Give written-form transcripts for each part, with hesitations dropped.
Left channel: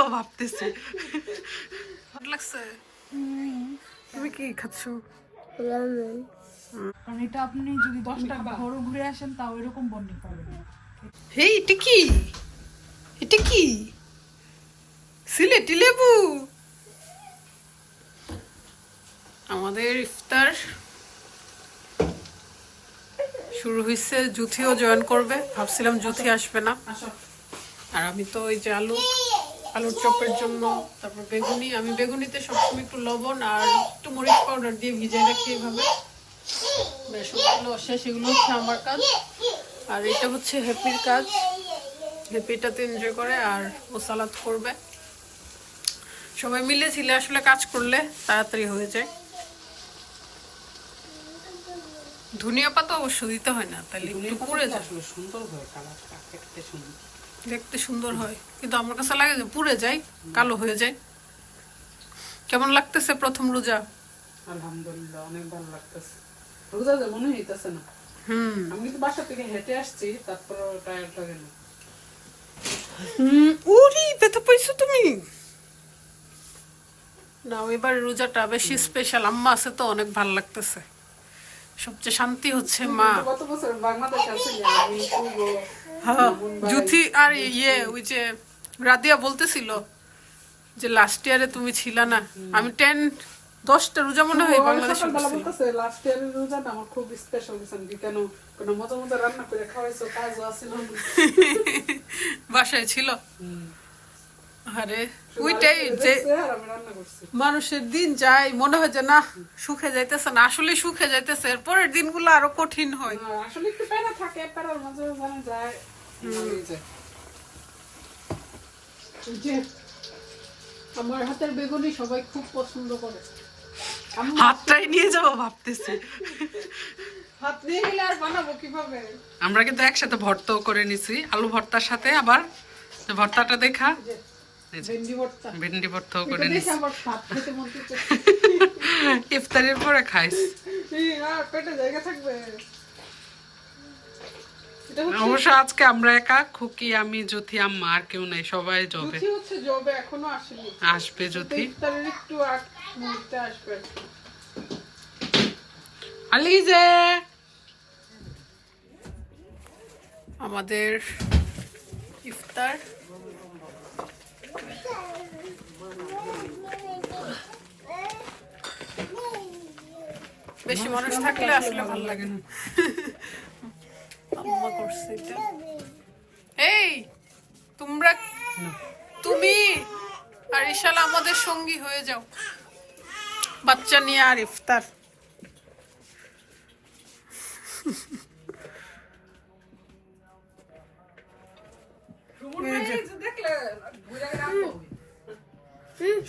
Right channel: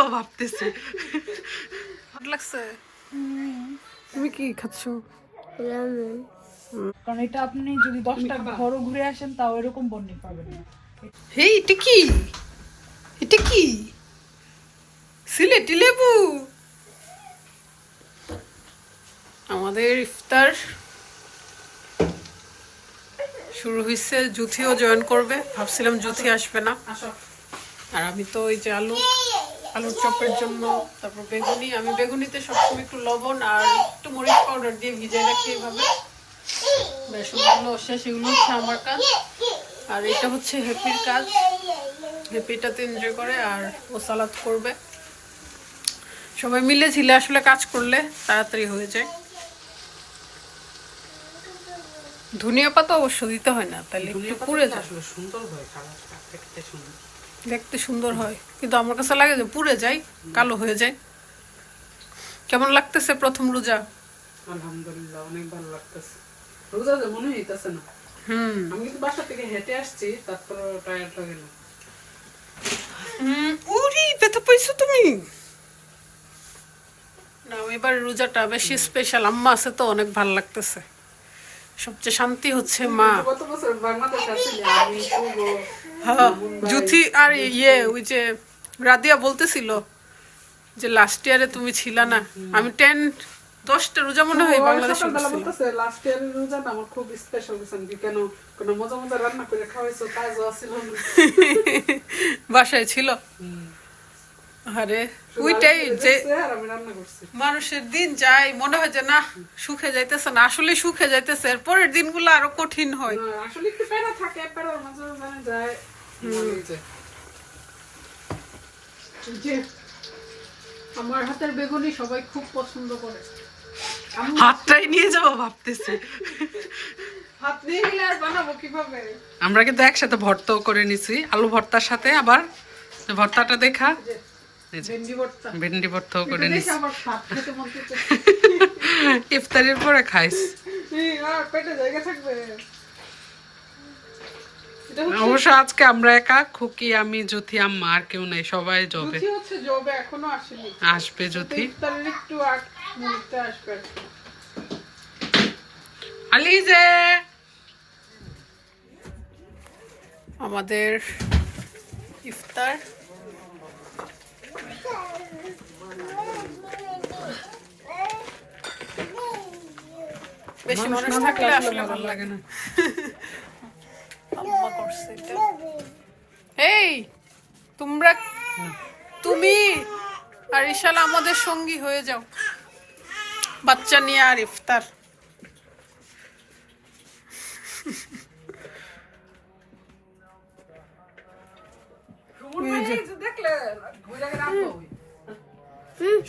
যাবো ভাবতেছি। লাগছে। তুমি কি খাচ্ছ? কারণ এটা আপনি যদি 10টা ঘরও ঘুরে আসেন তাও এরকম বন্ডিং পাবেন না। হেই, এটা কি? এটা কি? সিলেটি লেবু। আমাদের ইফতার শুরু হয়েছে। জুথিও জয়েন করবে, ভাবছিলাম জুথি আসবে না। আর আমি তো ওই যে আলুর চপের জন্য, তারপর বেগুনি, আমি বেগুনিতে সবসময় একটু লবণ আর একটু মরিচ পাউডার দিয়ে ভিজাই রাখি এইভাবে। বেসনগুলো শেষ, এগুলো হচ্ছে আমার কাজ। আর এটা হচ্ছে হ্যাপির কাজ। হ্যাপিটাতে এনজয় করে আর ও সালাদ করবে। সবাই মিলে ছিলে আসলে কাজ করলে তাড়াতাড়ি হয়ে যায়। ধনিয়া পাতা অবশ্য দিতে হয় না, তাহলে একটু পুড়ে যায়। সুন্দর হয় কালারটা, দেখতে সুন্দর, দেখতে সুন্দর হয়, কিন্তু আমার কাছে লাগে যে পুড়ে যায়, কালো হয়ে যায়। কেমন লাগতেছে প্রথম রোজা? আলহামদুলিল্লাহ অনেক ভালো লাগতেছে। রোজা মনে হইতেছে না। আমি কিন্তু বাসা থেকে হেঁটে আসছি, তারপর টায়ার্ড হয়ে গেল। উরি, ব্যথা পাইছো তুমি? না, এবার রোজাটা বেশি স্পেশাল। আম্মা আছে তো, অনেক ভালো লাগতেছে। সবচেয়ে শান্তি হচ্ছে মা। গত বছর বাংলাদেশ আসলে আমি হ্যাঁ, জুথি আর ওই যে রাদিয়া বলতেছিল যে লাস্ট ইয়ারে তুমি ছিলা না। আমি 10টা রোজা মনে হয় বাংলাদেশে বলতেছে লাস্ট ইয়ারের রোজাটা আমার খুব স্পেশাল গেছে। কেন কোনো মজা মজা রান্না করে খাওয়াইছো, কাজও আছিল বাসায় ছিল। আরে ওইটাই যে আমি রান্না করছি। মানুষের দিন যায়, মনে হয় যে না সুখে যাইতেছে না, আসলে সুখে যাইতেছে। এর পরের দিনগুলো আরো কঠিন হয়। আসলে একটু প্যারা থাকে, প্যারার মাঝে মাঝে যায়। যে আমার হাতের বেগুনি সবাই খুব পছন্দ করে। হাতটাই নিয়ে যাবো ভাবতেছি। হাত নিয়ে গেলে আর বানাবো কিভাবে? আমরা কিন্তু একসাথে ভর্তাও করে নিছি, আলু ভর্তার সাথে আবার ভর্তাটা দেখা ভেন্ডি ভর্তাও করে নিছি। ইফতারের পরে খাইস, পেটে জায়গা থাকবে। অবশ্য আজকে আমরা একা, খুকি, আমি, জ্যোতি, আম্মা, আর কেউ নাই, সবাই জবে। এখনো আসেনি, আসবে জ্যোতি। ইফতারের একটু আগ মুহূর্তে আসবে। আলিজে আমাদের ইফতার বেশি মানুষ থাকলে আসলে ভালো লাগে না। আম্মা করছে এটা। এই তুমি আর ইশাল আমাদের সঙ্গী হয়ে যাও, বাচ্চা নিয়ে আর ইফতার।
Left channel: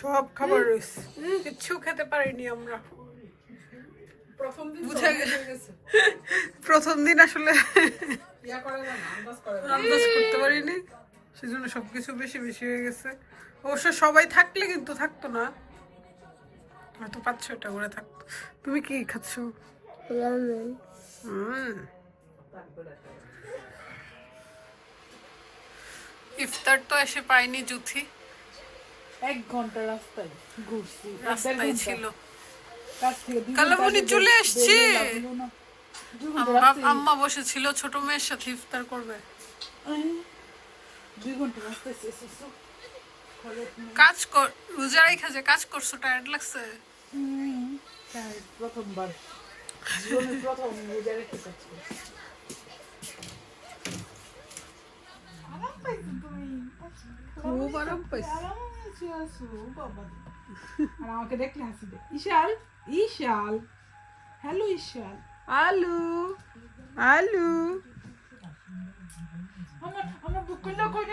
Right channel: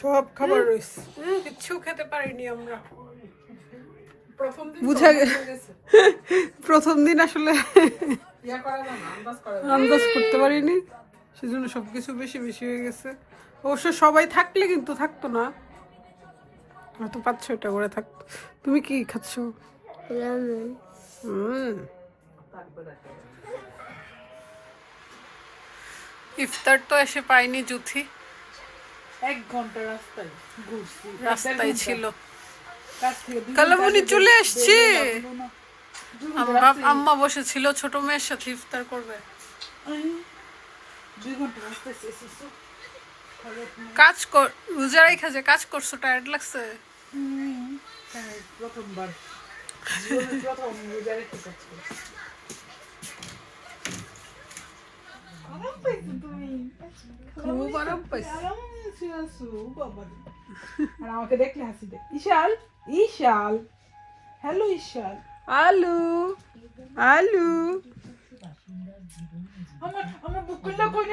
সব খাবার রয়েছে, কিচ্ছু খেতে পারিনি আমরা। প্রথম দিন আসলে আন্দাজ করতে পারিনি, সেজন্য সবকিছু বেশি বেশি হয়ে গেছে। অবশ্য সবাই থাকলে কিন্তু থাকতো না, হয়তো 5-6টা করে থাকতো। তুমি কি খাচ্ছ? ইফতার তো এসে পাইনি জুথি, 1 ঘন্টা রাস্তায় ঘুরছি, রাস্তায় ছিল। কাছ থেকে কালামুনি চলে আসছে। আম্মা বসেছিল ছোট মেয়ের সাথে ইফতার করবে। 2 ঘন্টা রাস্তায় এসেছো। কাজ কর, রোজা রাইখা যে কাজ করছো, টায়ার্ড লাগছে? প্রথমবার জীবনে প্রথম রোজা রেখে কাজ করছি। আরাম পাইছো তুমি? আরাম পাইছো? আর আমাকে দেখলে হাসি দে। ইশাল, ইশাল, হ্যালো ইশাল, আলু আলু। আমার বুকুলটা কই?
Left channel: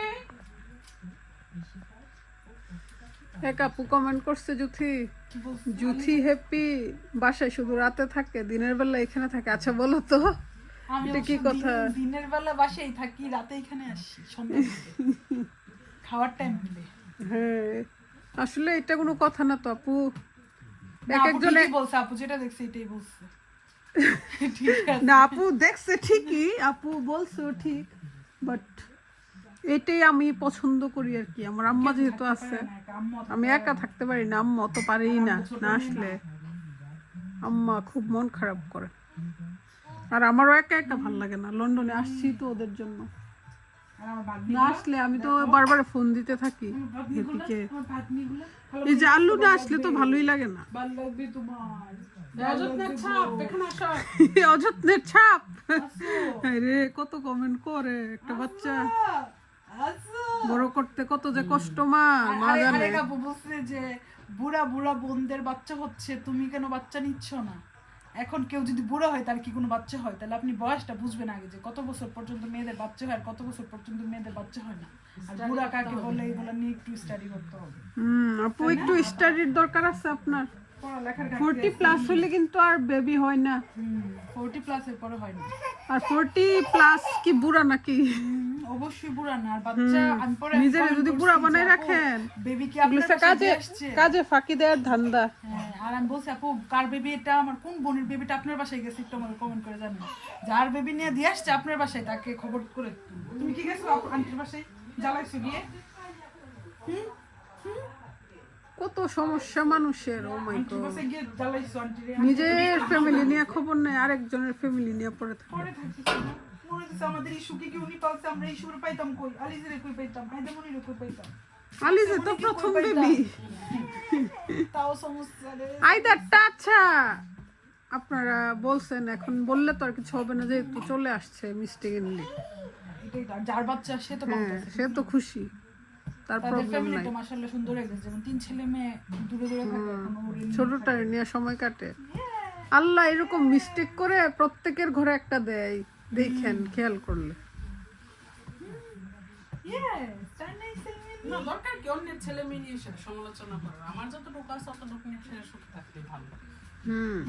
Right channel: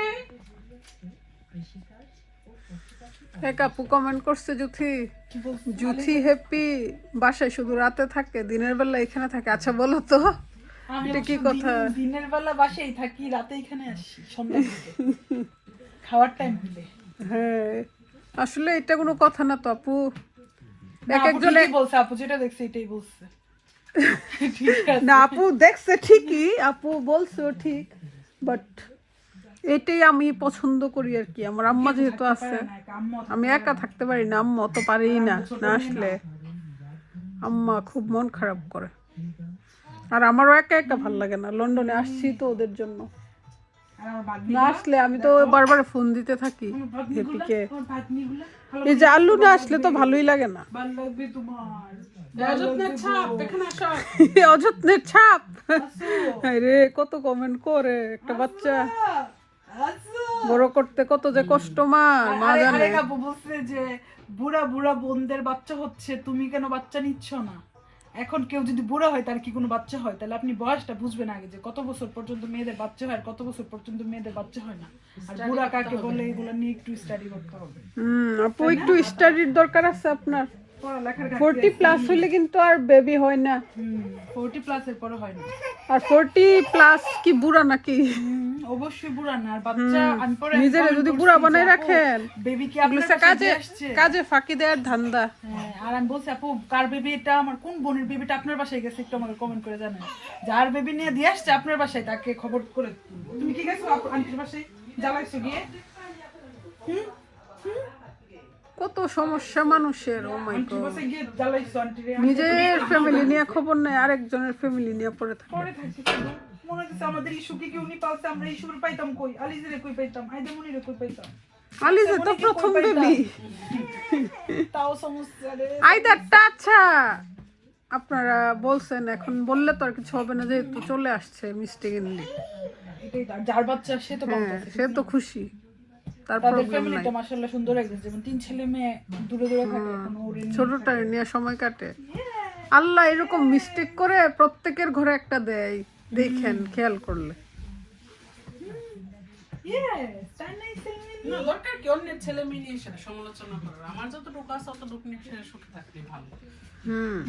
এক আপু কমেন্ট করছে, জুথি হ্যাপি বাসায় শুধু রাতে থাকে, দিনের বেলা এখানে থাকে। আচ্ছা বলো তো এটা কি কথা? দিনের বেলা বাসায় থাকি, রাতে এখানে আসি সন্ধ্যা দিতে, খাওয়ার টাইম হলে। হ্যাঁ, আসলে এটা কোনো কথা না তো আপু। একজনে বলছে, আপু যেটা দেখছে এটাই বলছে। না আপু দেখছে ঠিকই, আপু বলছে ঠিক, বাট এটাই আমি পছন্দ করি আর কি। আমার আম্মা যেহেতু আছে, আমি একা থাকতে পারি না, আম্মা অত পারেই না। না আসলে আম্মা খুব মন খারাপ করে, আর আমারও একা একা ভাল লাগে না। লন্ডনে আসছি তো ওদের জন্য, আর আমার না আসলে আমি তো বারবার ফোন দিতে থাকি হেপিকে। এই যে আল্লু না আসলে তো ভালোই লাগে না। ভালো লাগবে তোমার। অযত্নের ছাপ দেখেন আসো। অযত্নের ছাপ রে, কত কমেন্ট করে একটা বাচ্চা বড় করতে কত যে কষ্ট মা জানে। আরেক আপু বলছে যে বুড়া বুড়া বোনদের বাচ্চা হচ্ছে, তুমি কেন বাচ্চা নিচ্ছ না? এখন কেউ যদি বুড়া হয় তার কি কোনো বাচ্চা হয়? তাহলে আপনি বয়সটা বুঝবেন আগে, যে কত বছর পর্যন্ত মেয়েদের বাচ্চা হয় আর কত বছর পর্যন্ত মেয়েদের বাচ্চা হয় না। আর বুড়া কাকে বলে এগুলো নিয়ে একটু স্টাডি করতে হবে। আপু একটু স্টাডির দরকার আছে আপনার। পড়ালেখার 40 প্লাস হইলে কিন্তু আর বেবি হয় না। 40 প্লাস এর পরে হয় না। আর 40 প্লাস কি বুড়া নাকি? অবশ্যই বুড়া না। আর বাচ্চা আমি পরে নিজেরে যদি বুড়া বানাই রাখেন, বেবি কি আপনার কাছে দিয়ে আসছে? কাজে ফাঁকি দেওয়ার ধান্দা। হ্যাঁ, আর আমি বলছি আপু কার বেবি এটা, আমার কোন বোনের বেবিটা আপনার বাসায় গেছে একটু আমাকে কমেন্ট করে জানেন। যার বেবি নিয়ে দিয়ে আসছে আপনার বাসায় তাকে খবর করে। তুমি কি গেছো আন্টির বাসায়, জ্বালাইছো গিয়ে? কত সমস্যা মানুষের। ও মাই আন্টির গড, বাসায় গিয়ে জ্বালাইছো আন্টিরে? নিজের ফ্যামিলি নিয়ে খবর নেই, আরেকজনের ফ্যামিলি নিয়ে পড়ে থাকে। পরে থাকি শুধু। মনে হচ্ছে আমাদের ইস্যুকে কি উনি পালছে, আমরা ইস্যুরে পাইতাম কই? আলিজেরে কই পাইতাম? আইদামনিরে কই পাইতাম? আলিজে তো প্রথম বেবি। তাও সমস্যা রে। আইদারটা আচ্ছা আপনারা বলছেন, এখন বললে তো আর কিছু হবে না, যেহেতু চলে আসছে মিস্টেকেনলি। এটাই তো, যার বাচ্চা সে তো বলতেছে। সে তো খুশি, তার তাদের প্রবলেম নাই। ফ্যামিলিটা মাশাআল্লাহ সুন্দর হয়ে গেছে, যেমন 3 ছেলে মেয়ে দূরে দূরে থাকে, এখন ওরে নিয়ে ছোটটা নিয়ে সময় কাটে। আল্লাহ এরকম মিস্টেক করে প্রত্যেকের ঘরে একটা দেয়, দেখেন খেয়াল করলে। Yes, তাই নাই ছেলে মেয়ে নিয়ে? না দরকার কি অন্যের ছেলে মেয়ে নিয়ে সেটা সমালোচনা করার? আমার যতটুকু আছে অতটুকু নিয়ে সে সুখে থাকলেই ভালো।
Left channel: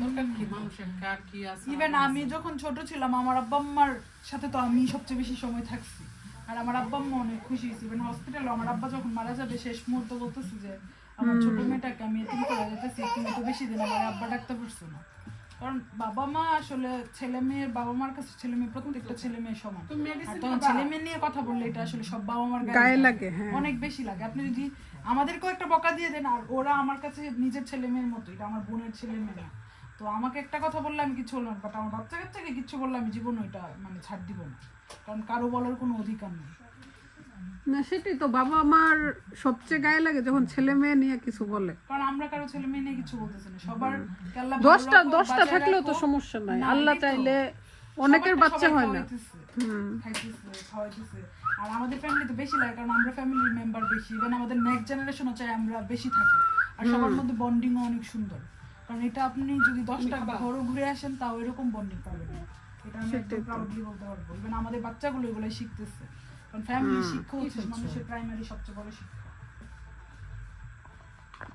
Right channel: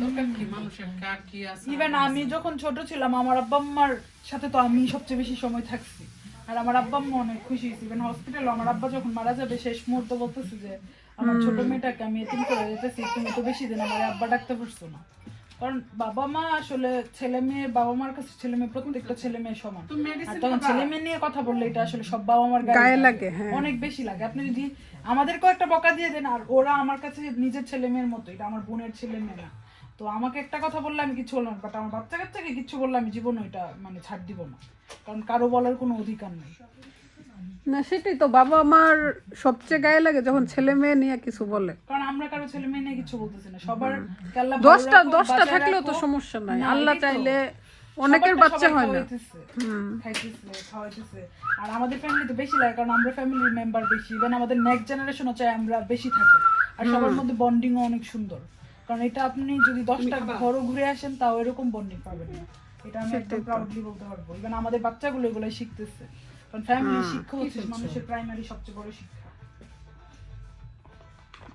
দরকার কি মানুষের কার কি আছে? ইভেন আমি যখন ছোট ছিলাম আমার আব্বা আম্মার সাথে তো আমি সবচেয়ে বেশি সময় থাকছি, আর আমার আব্বা আম্মা অনেক খুশি হয়েছে। ইভেন হসপিটালে আমার আব্বা যখন মারা যাবে শেষ মুহূর্তে বলতেছে যে আমার ছোট মেয়েটাকে আমি এতিম করে যেতেছি, তুমি তো বেশি দিন আমার আব্বা ডাকতে পারছো না। কারণ বাবা মা আসলে ছেলে মেয়ে, বাবা মার কাছে ছেলে মেয়ে প্রত্যেকটা ছেলে মেয়ে সমান। আর তখন ছেলে মেয়ে নিয়ে কথা বললে এটা আসলে সব বাবা মার গায়ে লাগে, অনেক বেশি লাগে। আপনি যদি আমাদেরকেও একটা বকা দিয়ে দেন, আর ওরা আমার কাছে নিজের ছেলে মেয়ের মতো, এটা আমার বোনের ছেলে মেয়ে না। তো আমাকে একটা কথা বললে আমি কিছু বললাম, বাট আমার বাচ্চা কাচ্চাকে কিছু বললে আমি জীবন ওইটা মানে ছাড় দিব না, কারণ কারো বলার কোনো অধিকার নেই। না সেটাই তো, বাবা মার সবচেয়ে গায়ে লাগে যখন ছেলে মেয়ে নিয়ে কিছু বলে। কারণ আমরা কারো ছেলে মেয়ে নিয়ে কিছু বলতেছি না, সবার আল্লাহ দশটা থাকলেও তো সমস্যা নাই, আল্লাহ চাইলে অনেকের বাচ্চা হয় না। খাওয়াইতেছে। আর আমাদের ফ্যামিলিতে বেশি লাগে, কারণ আমরা ফ্যামিলির মেম্বার বেশি। ইভেন আমাদের নেক্সট জেনারেশনও চাই আমরা বেশি থাকি, আর সবার মধ্যে বন্ডিংও অনেক সুন্দর। কারণ এটা আপনি যদি 10টা ঘরও ঘুরে আসেন তাও এরকম বন্ডিং পাবেন না, এটা আমি একদম প্রাউডলি বলতে পারবো। ইভেন আমাদের বাচ্চাগুলো এগুলোই শিখতেছে, কারণ ফ্যামিলি শিক্ষা হচ্ছে মানুষের প্রাইমারি সবচেয়ে বড় শিক্ষা।